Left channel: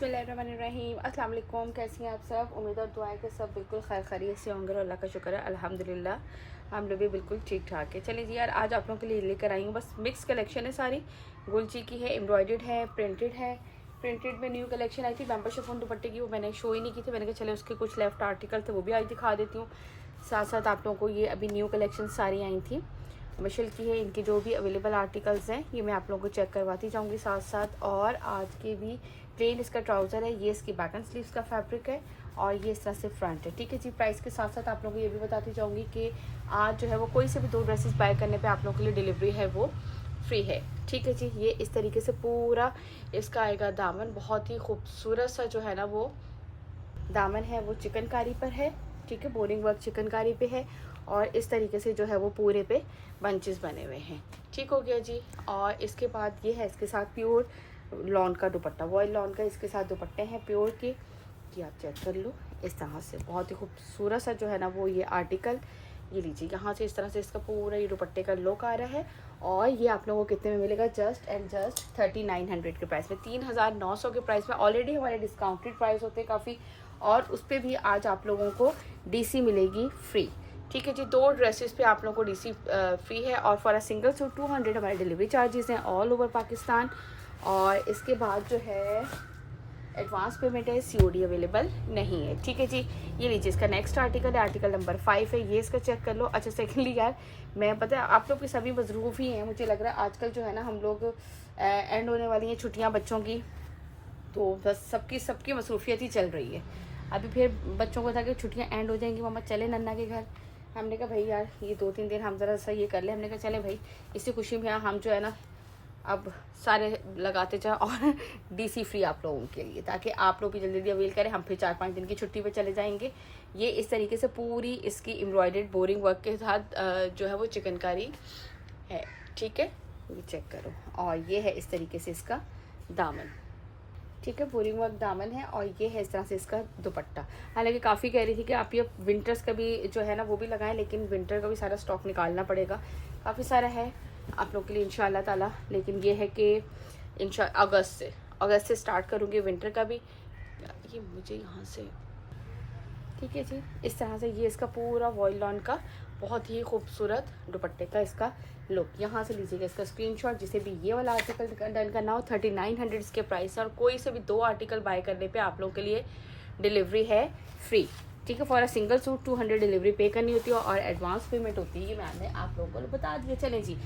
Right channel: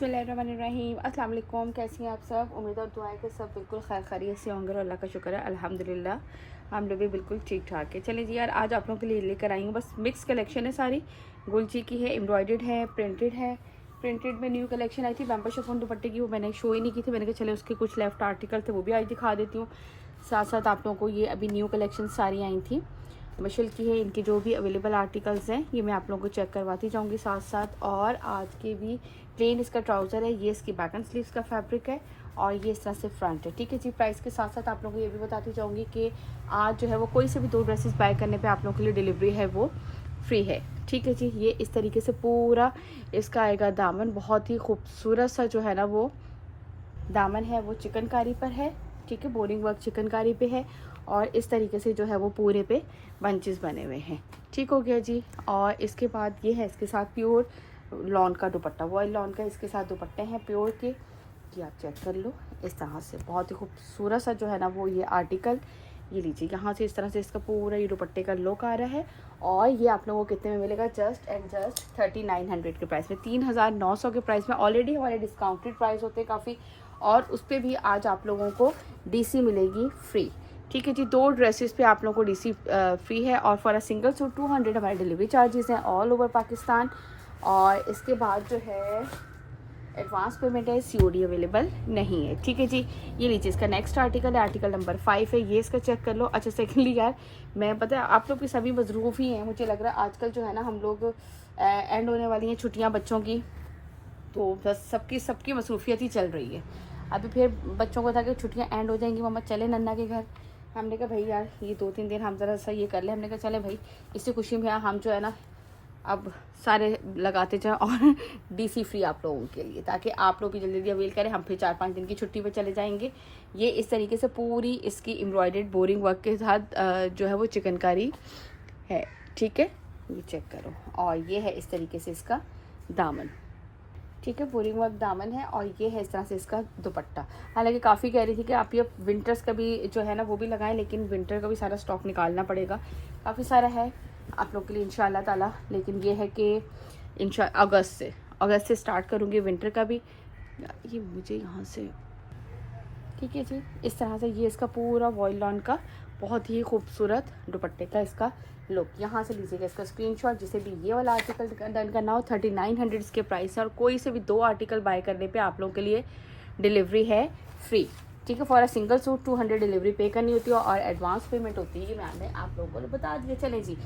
बिस्मिल्लाहिर्रहमानिर्रहीम। अस्सलाम वालेकुम। कैसी हैं आप सब? उम्मीद और दुआ है कि सब बिल्कुल खैर खैरियत से होंगे और अल्लाह का शुक्र है अल्हम्दुलिल्लाह हम लोग भी बिल्कुल ठीक ठाक है। चलिए जी यार, आज आप लोगों के लिए लेकर आई हूँ बस मिक्स कलेक्शन है सारी। गुलची की है, एम्ब्रॉयडर्ड है, प्रिंटेड है। प्रिंटेड में न्यू कलेक्शन आई थी बैंपा शिफॉन दुपट्टे की, वो मैंने शो ही नहीं की थी। मैंने कहा चले उसके कुछ लेफ्ट आर्टिकल थे वो भी आज दिखा देती हूँ। साथ साथ आप लोगों को ये अभी न्यू कलेक्शन सारी आई थी मशल की है। इनके जो भी अवेलेबल आर्टिकल्स हैं ये मैं आप लोगों को चेक करवाती जाऊंगी साथ साथ। और आज के भी प्लेन इसका ट्राउज़र है, ये इसकी बैक एंड स्लीव्स का फैब्रिक है और ये इस तरह से फ्रंट है। ठीक है जी। प्राइस के साथ साथ आप लोगों को ये भी बताती जाऊंगी कि आज जो है वो कोई से भी 2 ड्रेसेस बाय करने पे आप लोगों के लिए डिलीवरी है वो फ्री है। ठीक है जी। ये इस तरीके से पूरा इसका आएगा दामन, बहुत ही खूबसूरत सा जो है ना वो दामन है वो चिकनकारी पर है। ठीक है, बोरिंग वर्क चिकनकारी पे है और इस तरीके से जो है वो पूरे पे बंचेस बने हुए हैं। ठीक हो गया जी। और इसके बाद ये है इसके साथ प्योर लॉन का दुपट्टा, वॉयल लॉन का इसके साथ दुपट्टे हैं प्योर के। ये आप चेक कर लो, इस तरह से बहुत ही खूबसूरत सा जो है ना वो ये आर्टिकल। ये लीजिए, यहाँ से इस तरह से इसका पूरा ये दुपट्टे का लुक आ रहा है। और ये आप लोगों को कितने में मिलेगा? जस्ट एंड जस्ट 3900 के प्राइस में, 3900 के प्राइस में। ऑलरेडी हमारे डिस्काउंटेड प्राइस होते हैं काफ़ी, और उस पर भी आज आप लोगों को डीसी मिलेगी फ्री। ठीक है जी। 2 ड्रेसेस पे आप लोगों को डीसी फ्री है और फॉर अ सिंगल सूट 200 हमारे डिलीवरी चार्जेस हैं ऑल ओवर पाकिस्तान। और इसके बाद जो है एडवांस पेमेंट है, सीओडी अवेलेबल नहीं है। ठीक है जी। ये लीजिए, इसका नेक्स्ट आर्टिकल है, आर्टिकल नंबर 5 है। ये इसका चेक कर लो। अच्छा, सेकेंडली यार मैं पता है आप लोग की सभी मजरूफ ही हैं, मुझे लग रहा है आजकल जो है ना हम लोग एंड होने वाली हैं छुट्टियाँ बच्चों की, तो बस सबकी मसरूफियत ही चल रही है। अभी फिर बच्चों को था कि छुट्टियाँ एंड हो जाएंगी, मम्मा चले नन्ना के घर। हमने कहा भाई यार ये 2-3 दिन हम ज़रा सा ये कर ले। हमने कहा चले भाई इसी खुशी में हम जो है ना अब सारे लगाते जाएं और डीसी फ्री आप लोगों के लिए, ताकि आप लोग भी जल्दी जल्दी अवेल करें। हम फिर 4-5 दिन की छुट्टी पे चले जाएंगे। ये इस तरीके से पूरी इसकी एम्ब्रॉयडर्ड बोरिंग वर्क के साथ जो है वो चिकनकारी है। ठीक है, ये चेक करो। और ये है इस तरीके से इसका दामन। ठीक है, बोरिंग वर्क दामन है और ये है इस तरह से इसका दुपट्टा। हालांकि काफ़ी कह रही थी कि आप ये विंटर्स का भी जो है ना वो भी लगाएं, लेकिन विंटर का भी सारा स्टॉक निकालना पड़ेगा, काफ़ी सारा है आप लोग के लिए इंशाल्लाह ताला। लेकिन ये है कि अगस्त से स्टार्ट करूँगी विंटर का भी। ये मुझे यहाँ से ठीक है जी। इस तरह से ये इसका पूरा वॉयल लॉन का बहुत ही खूबसूरत दुपट्टे का इसका लुक। यहाँ से लीजिएगा इसका स्क्रीनशॉट, जिसे भी ये वाला आर्टिकल डन करना हो। 3900 इसके प्राइस है और कोई से भी 2 आर्टिकल बाय करने पे आप लोगों के लिए डिलीवरी है फ्री। ठीक है, for a single suit 200 delivery पे करनी होती है और एडवांस पेमेंट होती है। मैंने आप लोगों को बता दिया। चलें जी।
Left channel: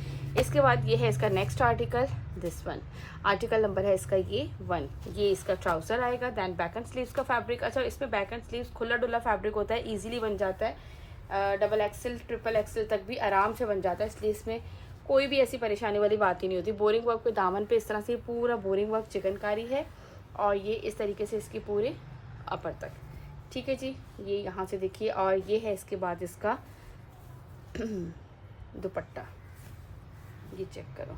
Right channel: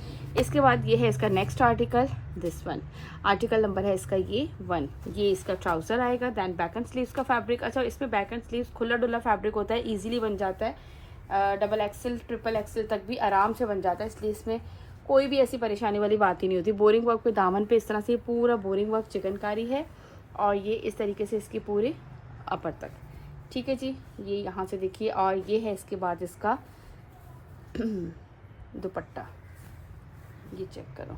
इसके बाद ये है इसका next article, this one. Article number है इसका ये 1। ये इसका ट्राउजर आएगा, दैन बैक एंड स्लीव्स का फैब्रिक। अच्छा, इसमें बैक एंड स्लीव्स खुला डुला फैब्रिक होता है, ईजिली बन जाता है। डबल एक्सल ट्रिपल एक्सल तक भी आराम से बन जाता है, इसलिए इसमें कोई भी ऐसी परेशानी वाली बात ही नहीं होती। बोरिंग वर्क पे दामन पे इस तरह से पूरा बोरिंग वर्क चिकनकारी है और ये इस तरीके से इसकी पूरी अपर तक। ठीक है जी। ये यहाँ से देखिए। और ये है इसके बाद इसका दुपट्टा, ये चेक करो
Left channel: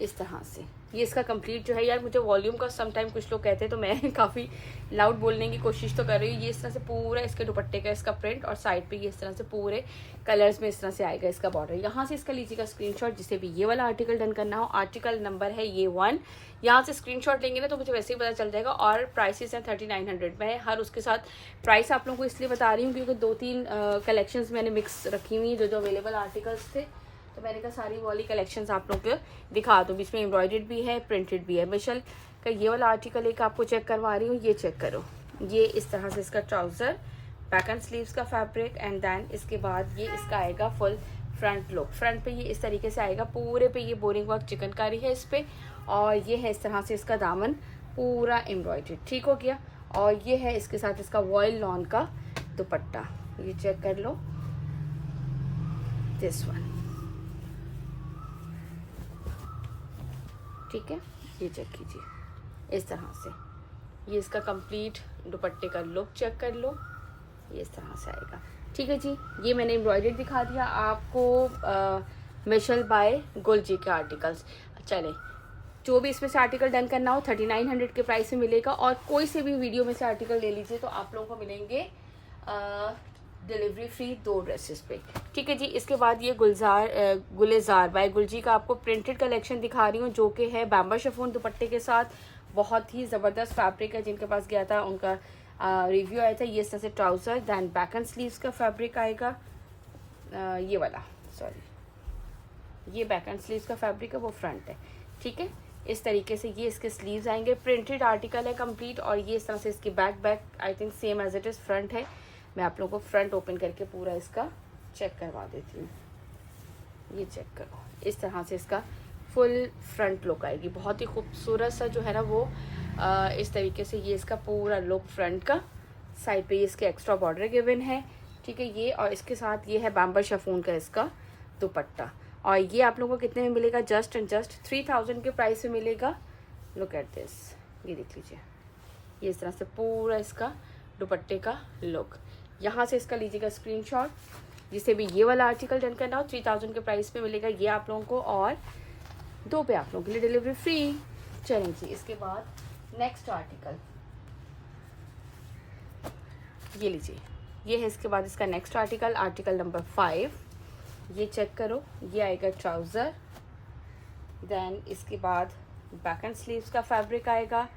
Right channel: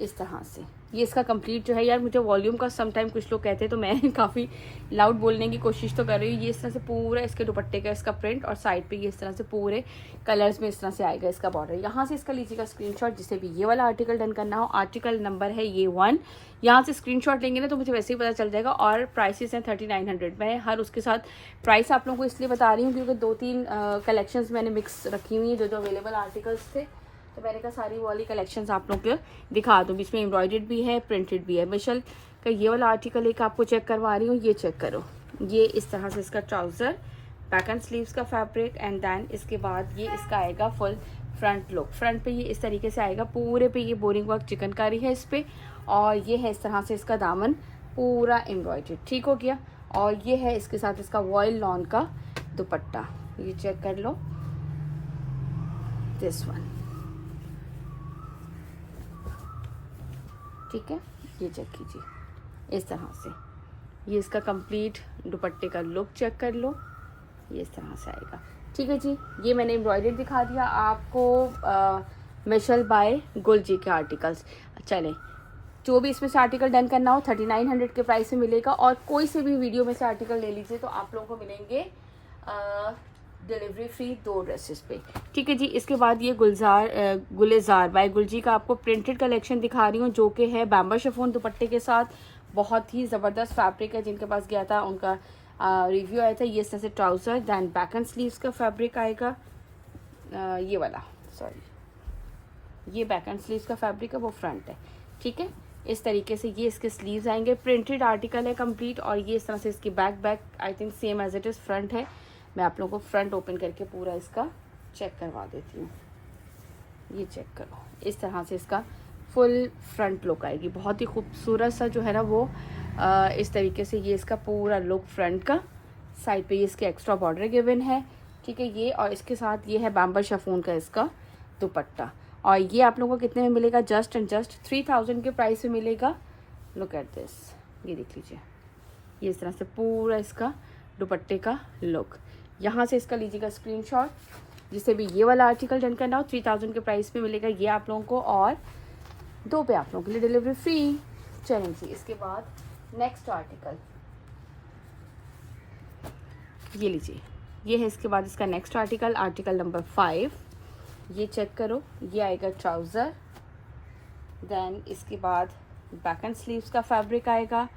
इस तरह से। ये इसका कंप्लीट जो है यार, मुझे वॉल्यूम का समटाइम कुछ लोग कहते हैं तो मैं काफ़ी लाउड बोलने की कोशिश तो कर रही हूँ। ये इस तरह से पूरा इसके दुपट्टे का इसका प्रिंट और साइड पे ये इस तरह से पूरे कलर्स में इस तरह से आएगा इसका बॉर्डर। यहाँ से इसका लीजिएगा स्क्रीनशॉट, जिसे भी ये वाला आर्टिकल डन करना हो। आर्टिकल नंबर है ये 1। यहाँ से स्क्रीनशॉट लेंगे ना तो मुझे वैसे ही पता चल जाएगा। और प्राइसेस हैं 3900। मैं हर उसके साथ प्राइस आप लोगों को इसलिए बता रही हूँ क्योंकि 2-3 कलेक्शंस मैंने मिक्स रखी हुई है जो अवेलेबल आर्टिकल्स थे, तो मैंने कहा सारी वाली कलेक्शंस आप लोग को दिखा दूँ। इसमें एम्ब्रॉयडर्ड भी है, प्रिंटेड भी है। मिशल का ये वाला आर्टिकल एक आपको चेक करवा रही हूँ, ये चेक करो। ये इस तरह से इसका ट्राउजर, बैक एंड स्लीव्स का फैब्रिक, एंड देन इसके बाद ये इसका आएगा फुल फ्रंट लुक। फ्रंट पे ये इस तरीके से आएगा, पूरे पे ये बोरिंग वर्क चिकनकारी है इस पे। और ये है इस तरह से इसका दामन पूरा एम्ब्रॉयडर्ड। ठीक हो गया। और ये है इसके साथ इसका वॉयल लॉन का दुपट्टा, ये चेक कर लो, दिस वन। ठीक है, ये चेक कीजिए इस तरह से। ये इसका कंप्लीट दुपट्टे का लुक चेक कर लो, ये इस तरह से आएगा। ठीक है जी। ये मैंने एम्ब्रॉयडर्ड दिखा दिया आपको मिशल बाय गुलजी के आर्टिकल्स। चलें, जो भी इसमें से आर्टिकल डन करना हो 3900 के प्राइस में मिलेगा। और कोई से भी वीडियो में से आर्टिकल ले लीजिए तो आप लोगों को मिलेंगे डिलीवरी फ्री 2 ड्रेसेस पे। ठीक है जी। इसके बाद ये गुलेजार बाय गुलजी का आपको प्रिंटेड कलेक्शन दिखा रही हूँ, जो कि है बैम्बर शिफॉन दुपट्टे के साथ। बहुत ही ज़बरदस्त फैब्रिक है। जिनके पास गया था उनका रिव्यू आया था। ये इस तरह से trouser, than back and sleeves का फैब्रिक आएगा। ये वाला, सॉरी, ये बैक एंड स्लीव्स का फैब्रिक है, वो फ्रंट है। ठीक है, इस तरीके से ये इसके स्लीव्स आएंगे। प्रिंटेड आर्टिकल है कंप्लीट। और ये इस तरह से इसकी back I think same as it is front है। मैं आप लोगों को फ्रंट ओपन करके पूरा इसका चेक करवा देती हूँ। ये चेक करो, इस तरह से इसका फुल फ्रंट लुक आएगी। बहुत ही खूबसूरत सा जो है ना वो इस तरीके से ये इसका पूरा लुक फ्रंट का। साइड पे ये इसके एक्स्ट्रा बॉर्डर गिवन है। ठीक है, ये और इसके साथ ये है बैम्बर शिफॉन का इसका दुपट्टा। और ये आप लोगों को कितने में मिलेगा? जस्ट एंड जस्ट 3000 के प्राइस में मिलेगा। लुक एट दिस, ये देख लीजिए, ये इस तरह से पूरा इसका दुपट्टे का लुक। यहाँ से इसका लीजिएगा स्क्रीनशॉट, जिससे भी ये वाला आर्टिकल डन करना हो 3000 के प्राइस में मिलेगा ये आप लोगों को, और 2 पे आप लोगों के लिए डिलीवरी फ्री। चलें जी, इसके बाद नेक्स्ट आर्टिकल ये लीजिए, ये है इसके बाद इसका नेक्स्ट आर्टिकल नंबर 5। ये चेक करो, ये आएगा ट्राउज़र, देन इसके बाद बैक एंड स्लीव्स का फैब्रिक आएगा,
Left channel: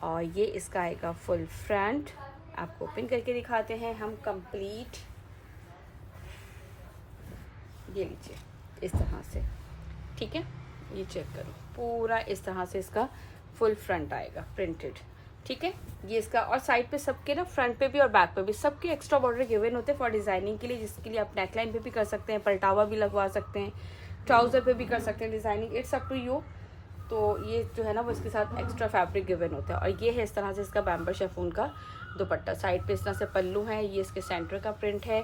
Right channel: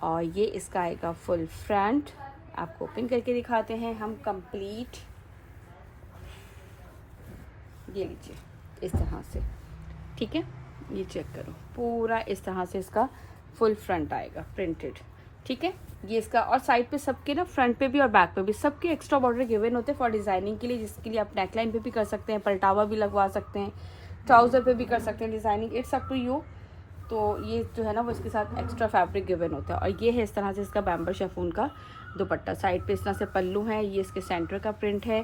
और ये इसका आएगा फुल फ्रंट। आपको ओपन करके दिखाते हैं हम कंप्लीट। ये लीजिए इस तरह से। ठीक है, ये चेक करो, पूरा इस तरह से इसका फुल फ्रंट आएगा प्रिंटेड। ठीक है, ये इसका, और साइड पे सबके ना फ्रंट पे भी और बैक पे भी सबके एक्स्ट्रा बॉर्डर गिवन होते हैं फॉर डिजाइनिंग के लिए, जिसके लिए आप नेकलाइन पे भी कर सकते हैं, पलटावा भी लगवा सकते हैं, ट्राउजर पे भी कर सकते हैं designing, it's up to you. तो ये जो है ना वो इसके साथ एक्स्ट्रा फैब्रिक गिवन होता है। और ये है इस तरह से इसका बैम्बर शिफॉन का दुपट्टा। साइड पे इस तरह से पल्लू है, ये इसके सेंटर का प्रिंट है,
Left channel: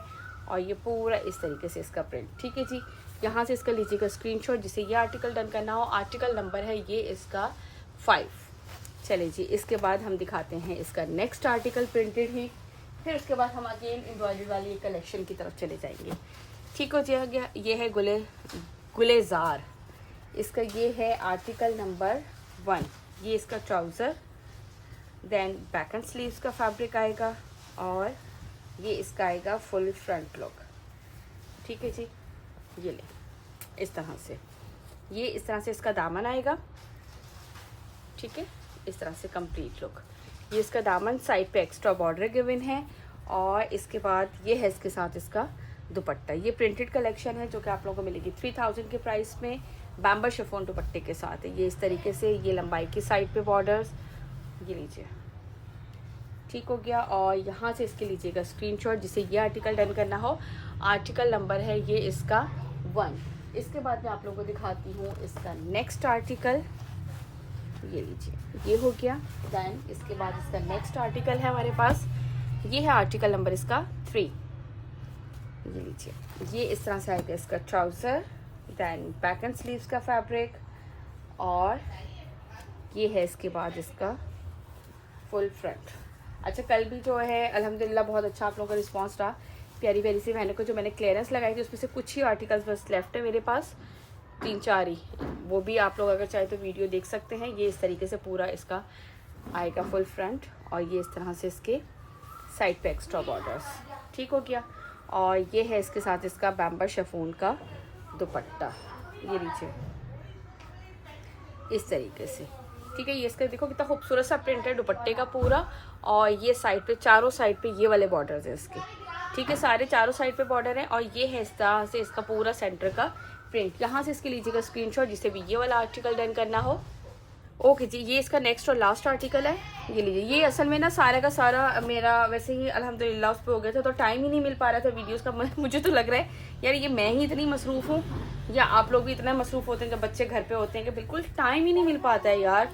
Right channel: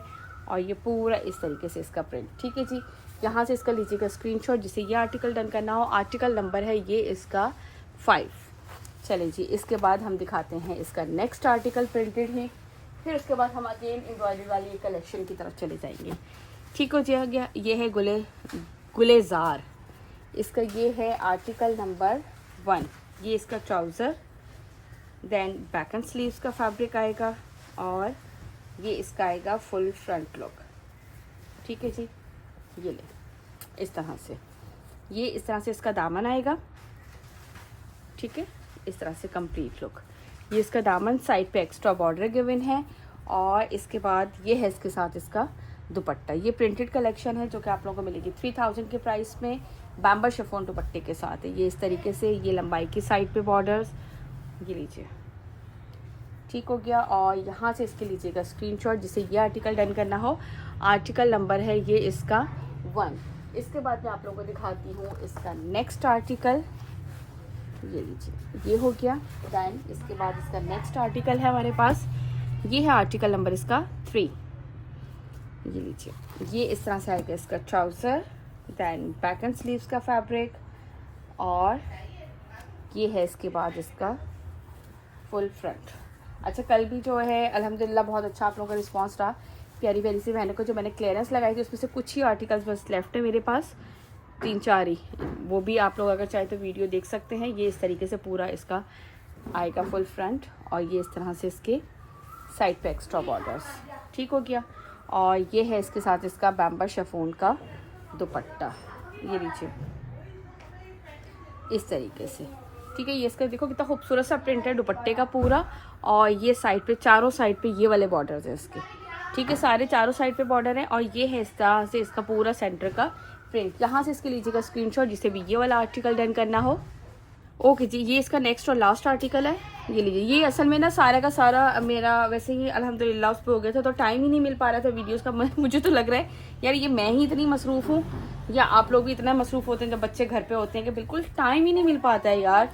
और ये पूरा इस तरीके से इसका प्रिंट। ठीक है जी, यहाँ से इसका लीजिएगा स्क्रीनशॉट, जिसे ये आर्टिकल डन करना हो। आर्टिकल नंबर है ये इसका 5। चले जी, इसके बाद हम दिखाते हैं इसका नेक्स्ट आर्टिकल प्रिंटेड ही। फिर उसके बाद हम अगेन एम्ब्रॉयडरी वाली कलेक्शन की तरफ चले जाएंगे। ठीक हो गया, ये है गुलेजार। इसका ये है आर्टिकल नंबर 1। ये इसका trouser, then back and sleeves का फैब्रिक आएगा, और ये इसका आएगा फुल फ्रंट लुक। ठीक है जी, ये ले इस तरह से, ये इस तरह से इसका दामन आएगा। ठीक है, इस तरह से कंप्लीट लुक। ये इसका दामन, साइड पे एक्स्ट्रा बॉर्डर गिवन है, और इसके बाद ये है इसके साथ इसका दुपट्टा। ये प्रिंटेड कलेक्शन है जो कि आप लोगों को मिलेगी 3000 के प्राइस में, बैम्बर शिफॉन दुपट्टे के साथ है। ये इस तरीके से, ये लंबाई की साइड पे बॉर्डर्स, ये लीजिए। ठीक हो गया, और यहाँ से इसके लीजिएगा स्क्रीनशॉट, जिसे ये आर्टिकल डन करना हो। आर्टिकल नंबर है ये इसका 1। इसके बाद मैं आप लोगों को दिखाती हूँ इसका नेक्स्ट आर्टिकल। ये लीजिए, ये हो गया। देन इसके बाद इसका नेक्स्ट आर्टिकल है हमारे पास, ये है आर्टिकल नंबर इसका 3। ये लीजिए, ये इस तरह से आएगा इसका trouser, then back and sleeves का फैब्रिक, और ये है इसके बाद इसका फुल फ्रंट। अच्छा, कल भी जो है अल्हम्दुलिल्लाह बहुत अच्छा आप लोगों का रिस्पांस रहा। प्यारी प्यारी सी बहनों को जो मैंने क्लियरेंस लगाई थी, उसमें से कुछ ही आर्टिकल्स बस लेफ्ट है मेरे पास, 3-4 ही। वो भी आप लोग अगर चाहे तो वीडियो देख सकते हैं। ये इस तरीके से पूरा इसका आएगा फुल फ्रंट, और ये इस तरह से इसके साइड पे एक्स्ट्रा बॉर्डर्स। ठीक हो गया, और ये है इसके साथ इसका बैम्बर शिफॉन का दुपट्टा। ये लीजिए इस तरीके से। ठीक है, ये इसका देखो कितना खूबसूरत सा प्रिंट है दुपट्टे का पूरा, और ये साइड पे, चारों साइड पे ये वाले बॉर्डर्स हैं इसके। ठीक है, सारे चारों साइड पे बॉर्डर हैं, और ये है इस तरह से इसका पूरा सेंटर का प्रिंट। यहाँ से इसके लीजिएगा स्क्रीनशॉट, जिसे भी ये वाला आर्टिकल डन करना हो। ओके जी, ये इसका नेक्स्ट और लास्ट आर्टिकल है। ये लीजिए, ये असल में ना सारा का सारा मेरा वैसे ही अल्हम्दुलिल्लाह उस पर हो गया था, तो टाइम ही नहीं मिल पा रहा था वीडियोस का। मुझे तो लग रहा है यार ये मैं ही इतनी मसरूफ़ हूँ, या आप लोग भी इतना मसरूफ़ होते हैं जब बच्चे घर पे होते हैं, कि बिल्कुल टाइम ही नहीं मिल पाता है यार।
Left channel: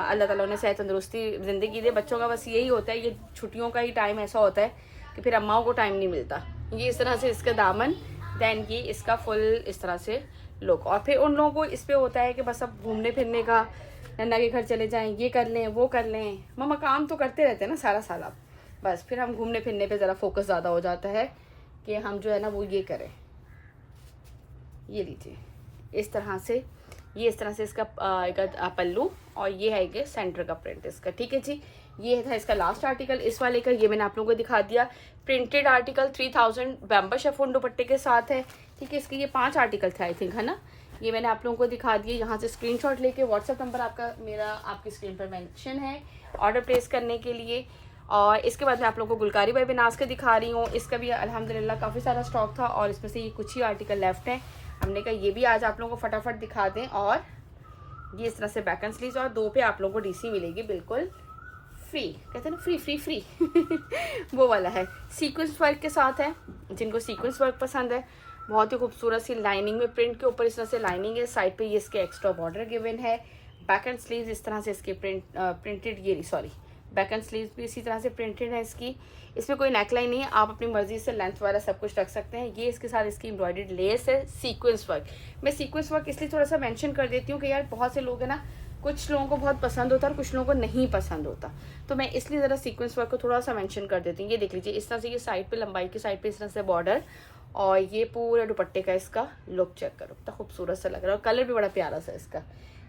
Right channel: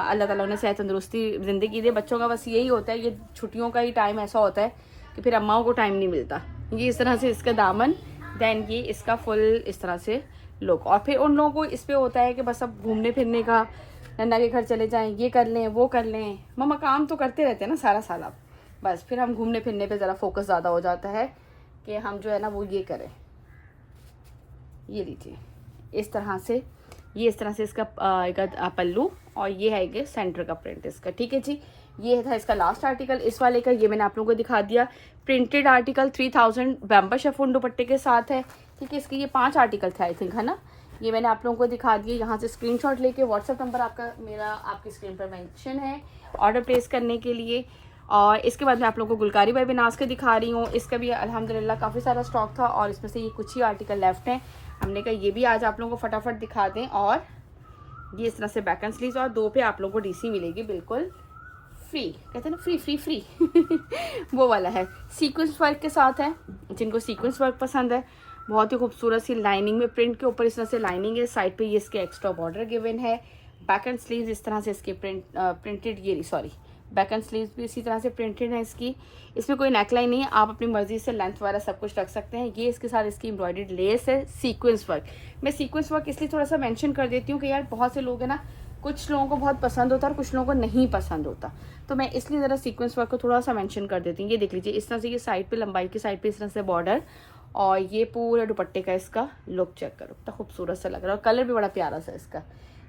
अल्लाह ताला ने सेहत तंदुरुस्ती ज़िंदगी दे। बच्चों का बस यही होता है, ये छुट्टियों का ही टाइम ऐसा होता है कि फिर अम्माओं को टाइम नहीं मिलता। ये इस तरह से इसका दामन, देन ये इसका फुल इस तरह से लुक। और फिर उन लोगों को इस पे होता है कि बस अब घूमने फिरने का, नन्ना के घर चले जाएं, ये कर लें वो कर लें। मम्मा काम तो करते रहते हैं ना सारा साल, अब बस फिर हम घूमने फिरने पे ज़रा फोकस ज़्यादा हो जाता है कि हम जो है ना वो ये करें। ये लीजिए इस तरह से, ये इस तरह से इसका पल्लू, और ये है ये सेंटर का प्रिंट इसका। ठीक है जी, ये था इसका लास्ट आर्टिकल इस वाले का। ये मैंने आप लोगों को दिखा दिया। प्रिंटेड आर्टिकल 3000 बैम्बा शिफॉन दुपट्टे के साथ है। ठीक है, इसके ये 5 आर्टिकल थे आई थिंक, है ना। ये मैंने आप लोगों को दिखा दिए। यहाँ से स्क्रीनशॉट लेके व्हाट्सएप नंबर आपका मेरा आपकी स्क्रीन पर मेंशन है ऑर्डर प्लेस करने के लिए। और इसके बाद मैं आप लोगों को गुलकारी बाय बेनाज के दिखा रही हूँ। इसका भी अल्हम्दुलिल्लाह काफ़ी सारा स्टॉक था और इसमें से ये कुछ ही आर्टिकल लेफ्ट हैं। हमने कहा ये भी आज आप लोगों को फटाफट दिखा दें। और ये इस तरह से बैक एंड स्लीव्स और 2 पे आप लोगों को डीसी मिलेगी बिल्कुल फ्री, कहते हैं ना फ्री फ्री फ्री वो वाला है। सीक्वेंस वर्क के साथ है, जिनको सीक्वेंस वर्क पसंद है। बहुत ही खूबसूरत सी लाइनिंग में प्रिंट के ऊपर इस तरह से लाइनिंग है। साइड पे ये इसके एक्स्ट्रा बॉर्डर गिवन है। बैक एंड स्लीव्स इस तरह से इसके प्रिंटेड ये सॉरी बैक एंड स्लीव्स भी इसी तरह से प्रिंटेड है इसकी। इसमें कोई नेकलाइन नहीं है, आप अपनी मर्जी से लेंथ वगैरह सब कुछ रख सकते हैं। ये इसके साथ इसकी एम्ब्रॉयडर्ड लेस है। सीक्वेंस वर्क, मैं सीक्वेंस वर्क इसलिए थोड़ा सा मेंशन कर देती हूँ कि यार बहुत से लोग हैं ना, कुछ लोगों को बहुत पसंद होता है और कुछ लोगों को नहीं पसंद होता, तो मैं इसलिए ज़रा सीक्वेंस वर्क को थोड़ा सा मेंशन कर देती हूँ। ये देख लीजिए इस तरह से ये साइड पे लंबाई की साइड पे इस तरह से बॉर्डर और ये पूरा दुपट्टे का इसका लुक चेक करो, कितना खूबसूरत सा लग रहा है और कलर भी बड़ा प्यारा सा इसका।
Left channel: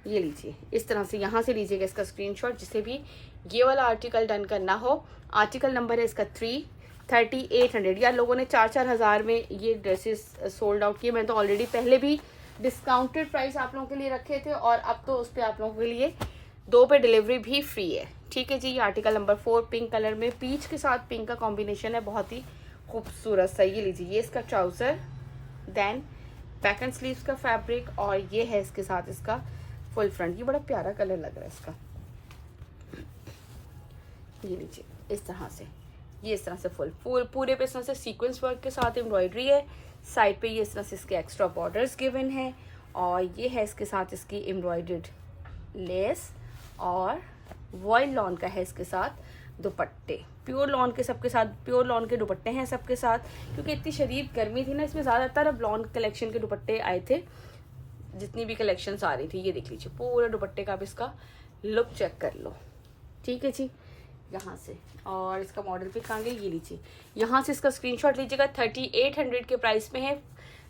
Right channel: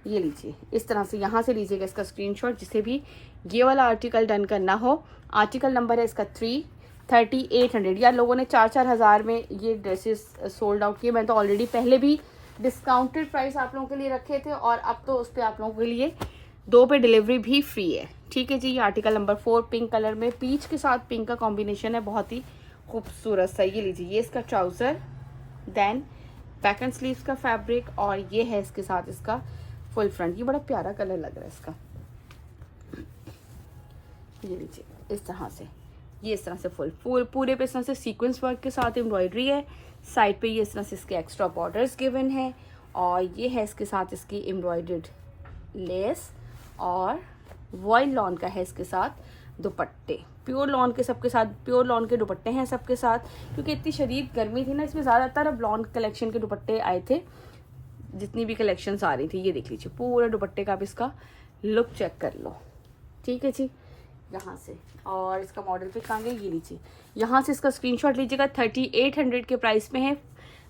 ये लीजिए इस तरह से, यहाँ से लीजिएगा इसका स्क्रीनशॉट जिसे भी ये वाला आर्टिकल डन करना हो। आर्टिकल नंबर है इसका 3800। यार लोगों ने 4-4 हज़ार में ये ड्रेसेस सोल्ड आउट किए। मैंने तो ऑलरेडी पहले भी डिस्काउंटेड प्राइस आप लोगों के लिए रखे थे और अब तो उस पर आप लोगों के लिए 2 पे डिलीवरी भी फ्री है। ठीक है जी, ये आर्टिकल नंबर 4 पिंक कलर में, पीच के साथ पिंक का कॉम्बिनेशन है, बहुत ही खूबसूरत सा। ये लीजिए ये इसका trouser, then back and sleeves का फैब्रिक और ये है इसके साथ इसका फुल फ्रंट। ये बड़ा प्यारा कलर लग रहा है इसका। ये लीजिए इस तरह से, ये इस तरह से फुल पूरे पे इस तरह से सीक्वेंस वर्क के साथ एम्ब्रॉयडरी है। साइड पे ये इस तरह से इसके एक्स्ट्रा बॉर्डर्स गिवन है और ये है इसके साथ इसकी एम्ब्रॉयडर्ड लेस और वॉयल लॉन का है इसके साथ दुपट्टे। प्योर लॉन के सबके साथ, प्योर लॉन के दुपट्टे हैं सबके साथ, क्योंकि इतनी शदीद गर्मी थी ना, इसमें ज़्यादातर अब लॉन कलेक्शन के दुपट्टे आए थे जितनी भी कलेक्शंस आ रही थी। ये देख लीजिए पूरा दुपट्टे का भी इसका लुक चेक कर लो। ठीक है जी, यहाँ से और इसका मॉडल पिक आगे ये लीजिए, यहाँ से इसका स्क्रीनशॉट लीजिएगा। 3800 के प्राइस में है।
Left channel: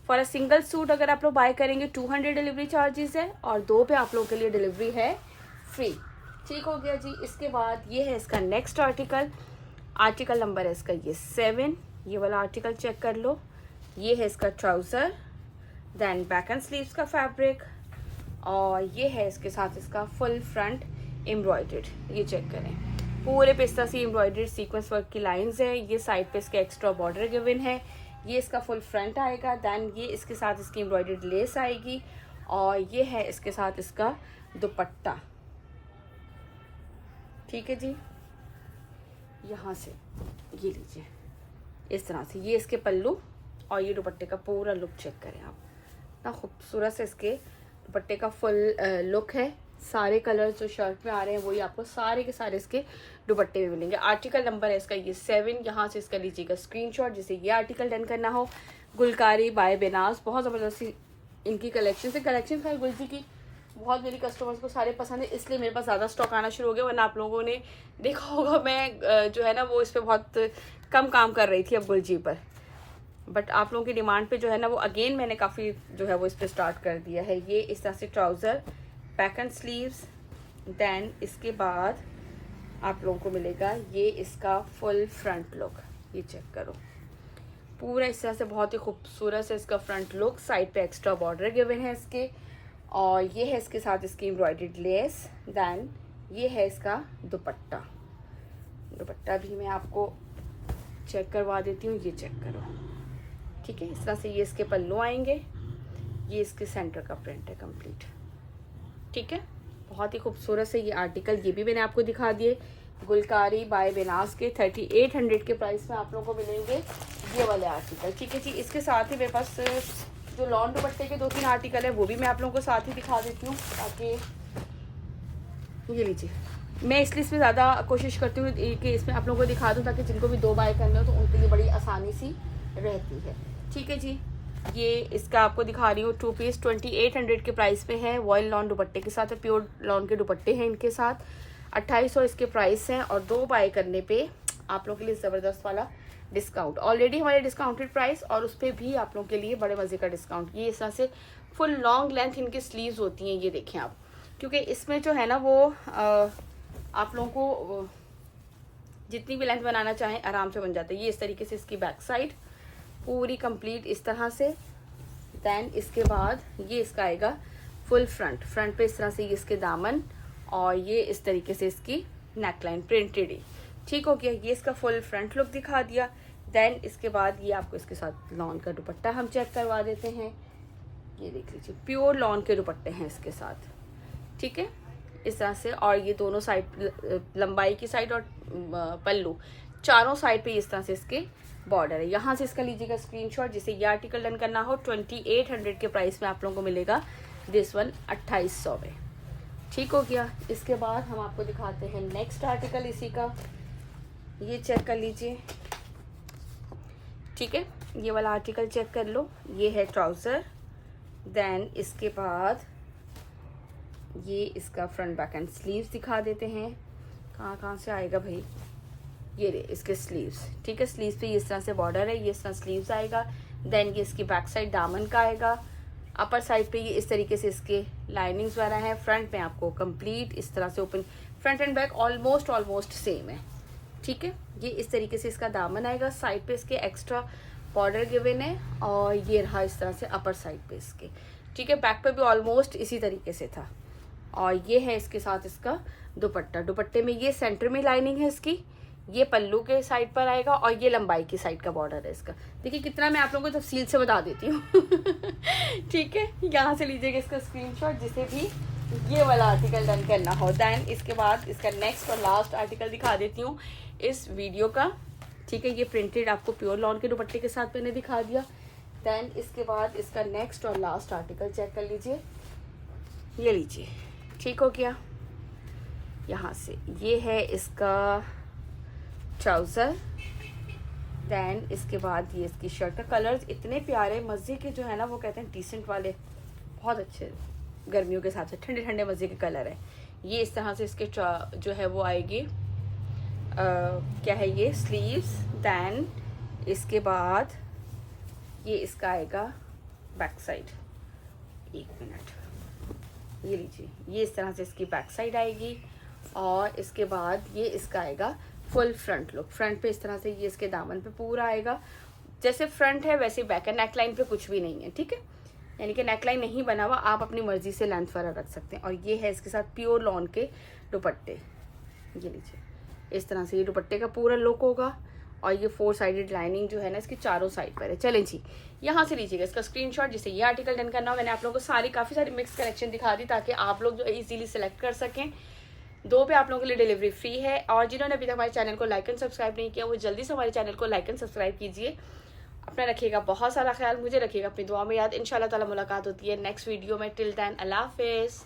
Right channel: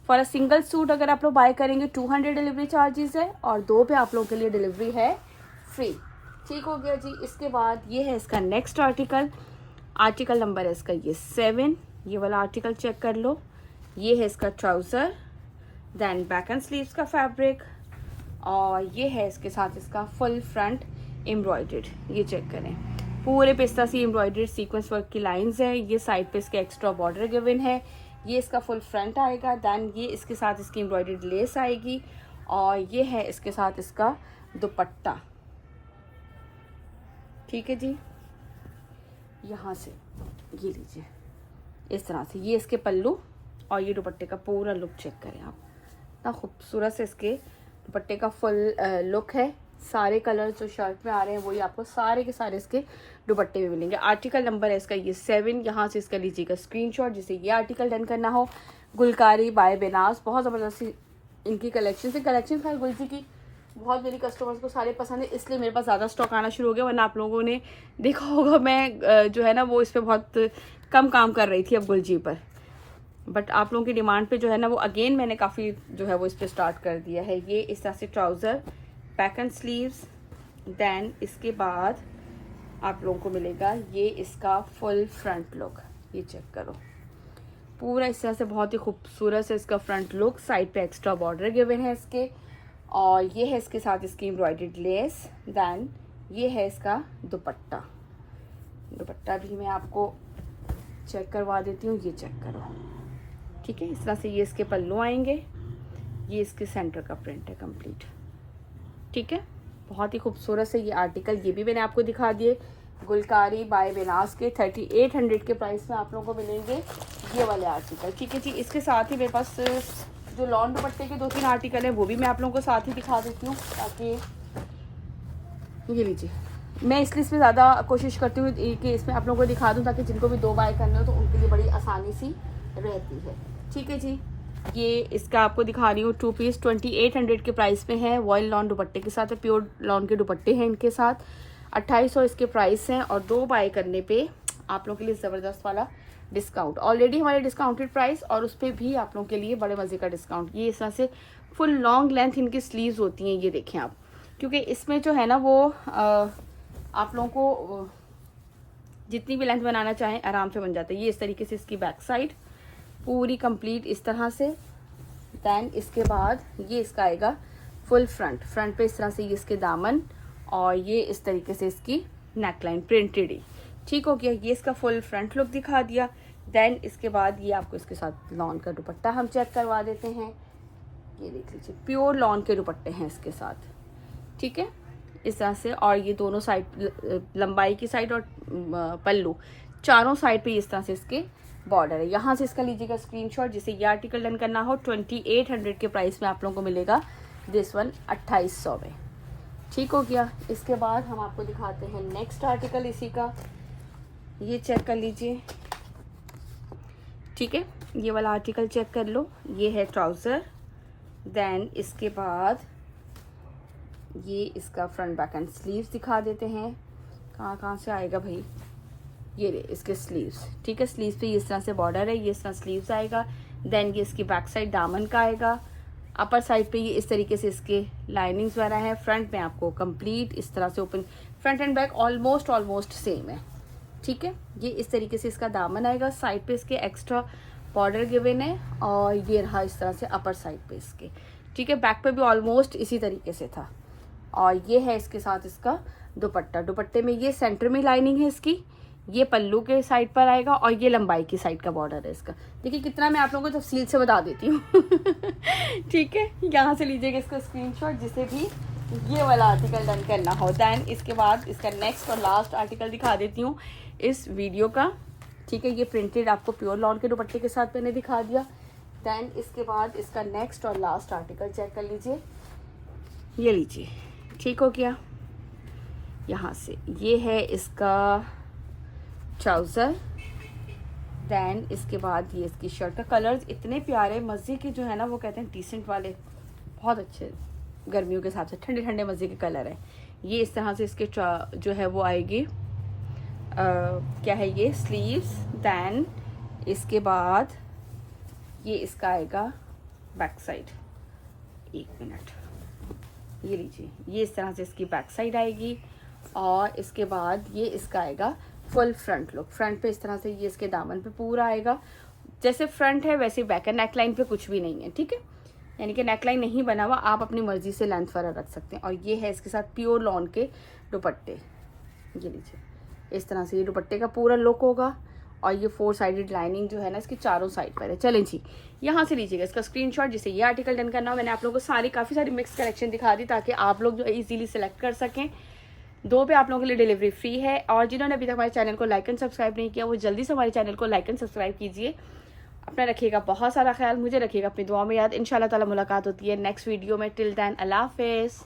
फॉर अ सिंगल सूट अगर आप लोग बाय करेंगे 200 डिलीवरी चार्जेस है और 2 पे आप लोगों के लिए डिलीवरी है फ्री। ठीक हो गया जी। इसके बाद ये है इसका नेक्स्ट आर्टिकल, आर्टिकल नंबर है इसका ये 7। ये वाला आर्टिकल चेक कर लो। ये है इसका trouser, then back and sleeves का फैब्रिक और ये है इसके साथ इसका फुल फ्रंट एम्ब्रॉयडर्ड। ये चेक करें पूरे पे इस तरह से एम्ब्रॉयडर्ड सीक्वेंस वर्क की लाइंस है। ये साइड पे इसके एक्स्ट्रा बॉर्डर गिवन है। ये इसका फुल फ्रंट आएगा, देन ये इसके साथ इसकी एम्ब्रॉयडर्ड लेस आएगी और ये है इसके साथ इसका दुपट्टा। ठीक है जी, यहाँ से ये लीजिए इस तरह से, ये इसके पल्लू और ये दुपट्टे का पूरा लुक चेक करें आप, इतना खूबसूरत से इसके दुपट्टे का फुल लुक है। सारे कलर्स जो शर्ट में आ रहे हैं वही आपको सारे के सारे इसके दुपट्टे में मिलेंगे। आर्टिकल नंबर है इसका ये 7। यहाँ से इसका लीजिएगा स्क्रीनशॉट जिसे ये आर्टिकल डन करना हो। गुलकारी बाय बेनाज, बहुत ज़बरदस्ती इनकी कलेक्शन से, कलेक्शन खैर गुलजी की बहुत मेरी कस्टमर्स को सारे पसंद है, इसलिए मेरे पास ज़्यादा स्टॉक आना शुरू हो गया। वरना आप लोगों ने देखा होगा मैं जो है ना वो इस पर बहुत कम काम कर रही थी अब गुलजी पर, बट आप लोगों की डिमांड पे जो है ना वो अगेन मैंने काफ़ी जो है वो इस पर स्टार्ट कर दिया है। ये इस तरह से trouser, back and sleeves, then इसके बाद आप लोगों को मिलेगा ये इसका फुल फ्रंट लुक। ये चेक करो पूरा इस तरह से बहुत ही खूबसूरत से इसका फ्रंट लुक। साइड पे एक्स्ट्रा बॉर्डर गिवन है इसके और ये है इसके साथ इसकी एम्ब्रॉयडर्ड लेस, देन ये है इसका दुपट्टा। दुपट्टा भी मैं आपको चेक करवा देती हूँ, ये चेक करो। ठीक है, इस तरह से ये इसके पल्लू आएंगे, ये इसके सेंटर का प्रिंट है कंप्लीट। ठीक है, बहुत ही खूबसूरत से ये आर्टिकल, ये भी मैंने आपको दिखा दिए। गुलकारी बाय बेनाज के 3800 के प्राइस में आप लोगों को मिलेंगे ये वाले आर्टिकल। ठीक है जी, इसके साथ ही मेरे पास जो लॉन दुपट्टे के 2-3 आर्टिकल है वो भी मैं आप लोगों को साथ ही दिखा देती हूँ, ताकि ये लीजिए मैं इसलिए इसमें ज़्यादा कोशिश करती हूँ कि इसमें आप लोगों को दिखा दूँ ताकि जिनको भी 2 बाय करने हो तो उनके लिए बड़ी आसानी सी रहती है। ठीक है जी, ये इसका आपको दिखा रही हूँ 2 पीस 2800 के प्राइस में है। वॉयल लॉन दुपट्टे के साथ है, प्योर लॉन के दुपट्टे हैं इनके साथ। 2800 इसके प्राइस हैं और 2 बाय करने पे आप लोगों के लिए ज़बरदस्त वाला डिस्काउंट। ऑलरेडी हमारे डिस्काउंटेड प्राइस और उस पर भी आप लोगों के लिए बड़े मज़े का डिस्काउंट। ये इस तरह से फुल लॉन्ग लेंथ इनकी स्लीव्स होती हैं, ये देखें आप क्योंकि इसमें जो है ना वो आप लोगों को जितनी भी लेंथ बनाना चाहें आराम से बन जाता है। ये इस तरीके से इसकी बैक साइड पूरी कंप्लीट इस तरह से। देन इसके बाद ये इसका आएगा फुल फ्रंट पे इस तरह से ये इसके दामन और ये इस तरीके से इसकी नेकलाइन प्रिंटेड ही। ठीक हो गया, ये इसका फुल फ्रंट लुक दिखा दिया। देन इसके बाद ये आपको इसके साथ लॉन का दुपट्टा हम चेक करवा देते हैं। ये देख लीजिए प्योर लॉन के दुपट्टे हैं इसके साथ, ठीक है, इस तरह से। और ये दोनों साइड लंबाई की साइड और पल्लू चारों साइड पे इस तरह से इसके बॉर्डर है। यहाँ से इसका लीजिएगा स्क्रीनशॉट, जिसे ये आर्टिकल डन करना हो। 2800 के प्राइस में आप लोगों को मिलेगा दिस वन 2800 में। ठीक हो गया। इसके बाद हम आपको दिखाते हैं नेक्स्ट आर्टिकल इसी का। ये चेक कर लीजिए, ठीक है, ये वाला आर्टिकल चेक कर लो। ये है ट्राउजर। देन इसके बाद ये इसका फ्रंट बैक एंड स्लीव्स दिखा देते हैं। कहाँ से आएगा भाई, ये रे इसके स्लीव्स, ठीक है। स्लीव्स पे इस तरह से बॉर्डर है, ये इस तरह स्लीव्स आएगा। देन ये इसकी बैक साइड दामन का आएगा। अपर साइड पे ये इस तरीके से इसके लाइनिंग्स वगैरह है। फ्रंट में आपको कंप्लीट इस तरह से open, front end back almost same है, ठीक है। ये इस तरीके से इसका दामन आएगा। साइड पे इसके एक्स्ट्रा बॉर्डर गिवन है और ये रहा इस तरह से अपर साइड पे इसके, ठीक है। बैक पे भी ऑलमोस्ट इसी तरीके से था। और ये है इसके साथ इसका दुपट्टा। दुपट्टे में ये सेंटर में लाइनिंग है इसकी, ये पल्लू के साइड पर आएगा और ये लंबाई की साइड का बॉर्डर है इसका। देखिए कितना मैं आप लोगों को तफसील से बता देती हूँ ठीक है। यहाँ से लीजिएगा इसका स्क्रीनशॉट जिसे भी ये वाला आर्टिकल डन करना हो। दैन इसके बाद इसका नेक्स्ट और लास्ट आर्टिकल दिखा देती हूँ इस वीडियो का, ठीक है। ये प्रिंटेड आपको प्योर लॉन के दुपट्टे के साथ मैंने दिखा दिया। दैन इसके बाद इसका नेक्स्ट और लास्ट आर्टिकल चेक कर लीजिए। ये लीजिए, ठीक हो गया। यहाँ से ये है इसका ट्राउज़र। दैन इसके बाद ये इसकी शर्ट का कलर्स इतने प्यारे मज़े के जो है ना, वो कहते हैं डिसेंट वाले, बहुत अच्छे गर्मियों के हिसाब से ठंडे ठंडे मज़े के कलर है। ये इस तरह से इसके जो है वो आएगी क्या है ये स्लीव्स। दैन इसके बाद ये इसका आएगा बैक साइड। एक मिनट, ये लीजिए, ये इस तरह से इसकी बैक साइड आएगी। और इसके बाद ये इसका आएगा फुल फ्रंट लुक। फ्रंट पे इस तरह से ये इसके दामन पे पूरा आएगा। जैसे फ्रंट है वैसे बैक है, नेकलाइन पे कुछ भी नहीं है, ठीक है। यानी कि नेकलाइन नहीं बना हुआ, आप अपनी मर्जी से लेंथ वगैरह रख सकते हैं। और ये है इसके साथ प्योर लॉन के दुपट्टे। ये लीजिए, इस तरह से ये दुपट्टे का पूरा लुक होगा। और ये 4 साइडेड लाइनिंग जो है ना इसके चारों साइड पर है। चलें जी, यहाँ से लीजिएगा इसका स्क्रीनशॉट जिसे ये आर्टिकल डन करना हो। मैंने आप लोगों को काफ़ी सारी मिक्स कलेक्शन दिखा दी ताकि आप लोग जो इजीली सेलेक्ट कर सकें। 2 पे आप लोगों के लिए डिलीवरी फ्री है। और जिन्होंने अभी तक हमारे चैनल को लाइक एंड सब्सक्राइब नहीं किया वो जल्दी से हमारे चैनल को लाइक एंड सब्सक्राइब कीजिए। अपना रखिएगा बहुत सारा ख्याल, मुझे रखिएगा अपनी दुआ में याद। इंशाल्लाह ताला मुलाकात होती है नेक्स्ट वीडियो में। टिल देन अल्लाह हाफिज़।